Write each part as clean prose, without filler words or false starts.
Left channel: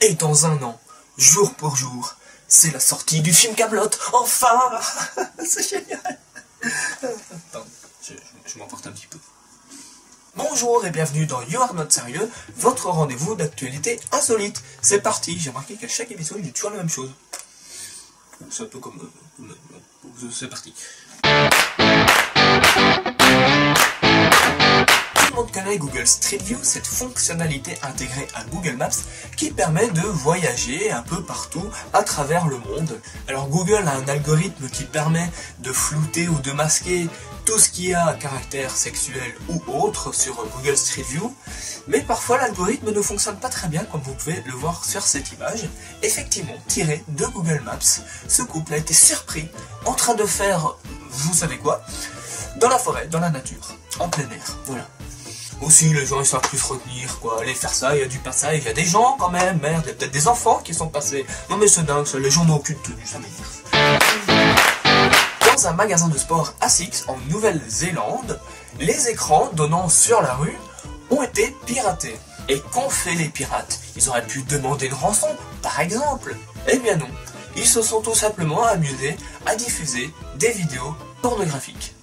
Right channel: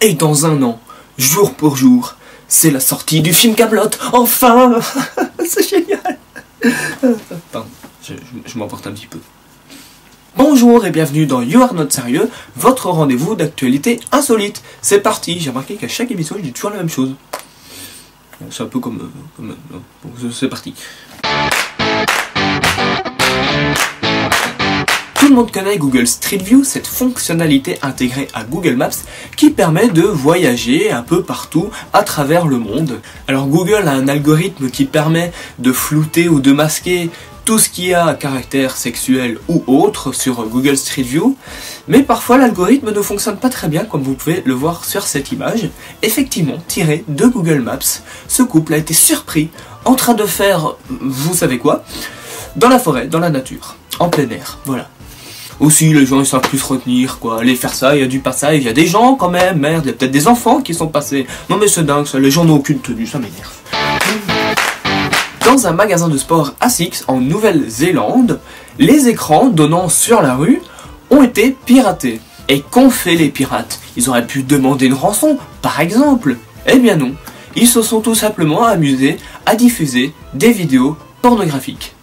Et dans un an, jour pour jour, c'est la sortie du film Kaamelott. Enfin. C'est génial. Pardon, je m'emporte un petit peu. Bonjour et bienvenue dans You Are Not Sérieux, votre rendez-vous d'actualité insolite. C'est parti. J'ai remarqué qu'à chaque émission, je dis toujours la même chose. C'est un peu comme c'est parti. Tout le monde connaît Google Street View, cette fonctionnalité intégrée à Google Maps qui permet de voyager un peu partout à travers le monde. Alors Google a un algorithme qui permet de flouter ou de masquer tout ce qui a caractère sexuel ou autre sur Google Street View, mais parfois l'algorithme ne fonctionne pas très bien comme vous pouvez le voir sur cette image. Effectivement, tiré de Google Maps, ce couple a été surpris en train de faire, vous savez quoi, dans la forêt, dans la nature, en plein air, voilà. Aussi, les gens ils savent plus se retenir, quoi. Aller faire ça, il y a du passage, il y a des gens quand même, merde, il y a peut-être des enfants qui sont passés. Non mais c'est dingue, ça, les gens n'ont aucune tenue, ça m'énerve. Dans un magasin de sport ASICS en Nouvelle-Zélande, les écrans donnant sur la rue ont été piratés. Et qu'ont fait les pirates? Ils auraient pu demander une rançon, par exemple. Eh bien non, ils se sont tout simplement amusés à diffuser des vidéos pornographiques.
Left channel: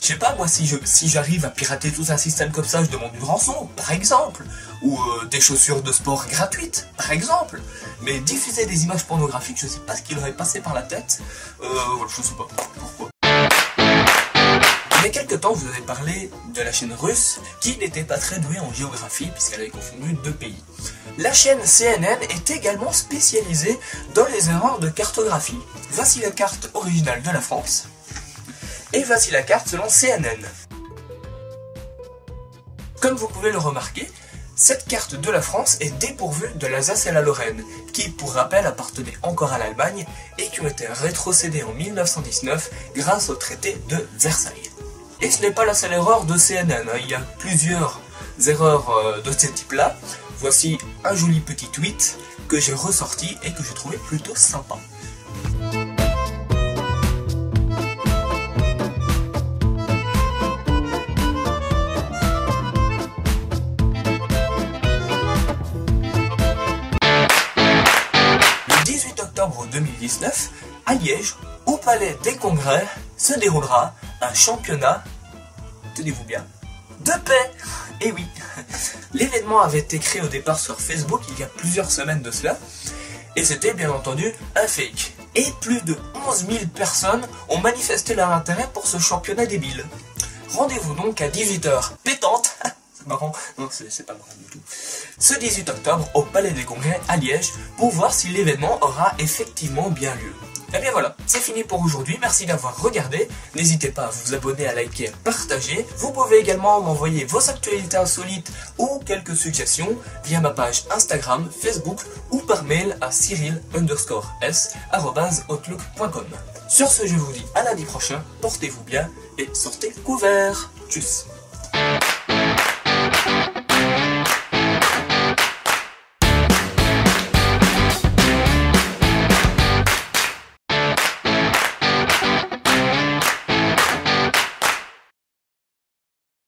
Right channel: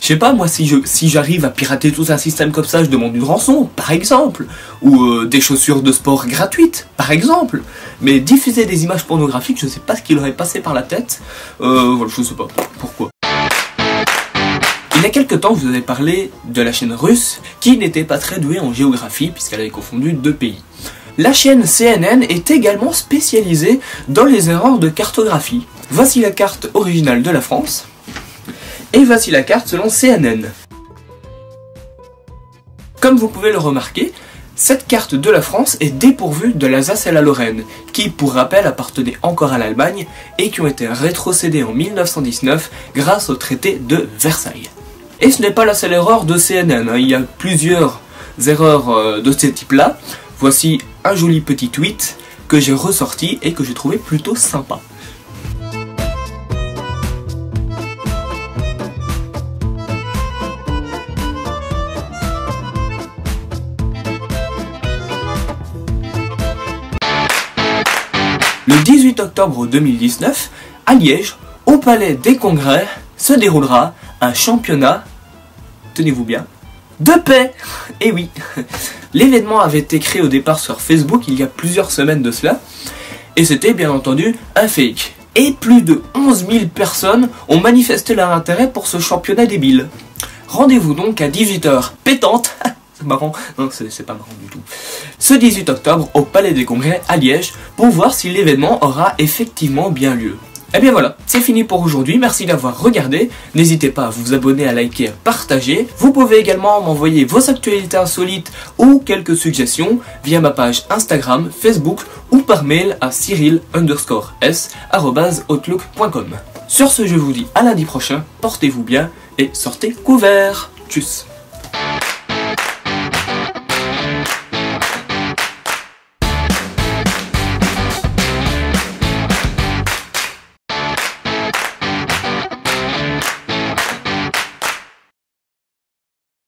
Je sais pas, moi, si j'arrive à pirater tout un système comme ça, je demande une rançon, par exemple. Ou des chaussures de sport gratuites, par exemple. Mais diffuser des images pornographiques, je sais pas ce qui leur est passé par la tête. Voilà, je sais pas pourquoi. Il y a quelques temps, vous avez parlé de la chaîne russe, qui n'était pas très douée en géographie, puisqu'elle avait confondu deux pays. La chaîne CNN est également spécialisée dans les erreurs de cartographie. Voici la carte originale de la France. Et voici la carte selon CNN. Comme vous pouvez le remarquer, cette carte de la France est dépourvue de l'Alsace et la Lorraine, qui, pour rappel, appartenaient encore à l'Allemagne et qui ont été rétrocédées en 1919 grâce au traité de Versailles. Et ce n'est pas la seule erreur de CNN, hein. Il y a plusieurs erreurs de ce type-là. Voici un joli petit tweet que j'ai ressorti et que j'ai trouvé plutôt sympa. Le 18 octobre 2019, à Liège, au Palais des Congrès, se déroulera un championnat, tenez-vous bien, de paix. Et oui, l'événement avait été créé au départ sur Facebook il y a plusieurs semaines de cela, et c'était bien entendu un fake. Et plus de 11 000 personnes ont manifesté leur intérêt pour ce championnat débile. Rendez-vous donc à 18h pétante. C'est marrant, non c'est pas marrant du tout. Ce 18 octobre au Palais des Congrès à Liège pour voir si l'événement aura effectivement bien lieu. Et bien voilà, c'est fini pour aujourd'hui, merci d'avoir regardé, n'hésitez pas à vous abonner, à liker, à partager. Vous pouvez également m'envoyer vos actualités insolites ou quelques suggestions via ma page Instagram, Facebook ou par mail à cyril_s@outlook.com. Sur ce, je vous dis à lundi prochain, portez-vous bien et sortez couverts. Tchuss.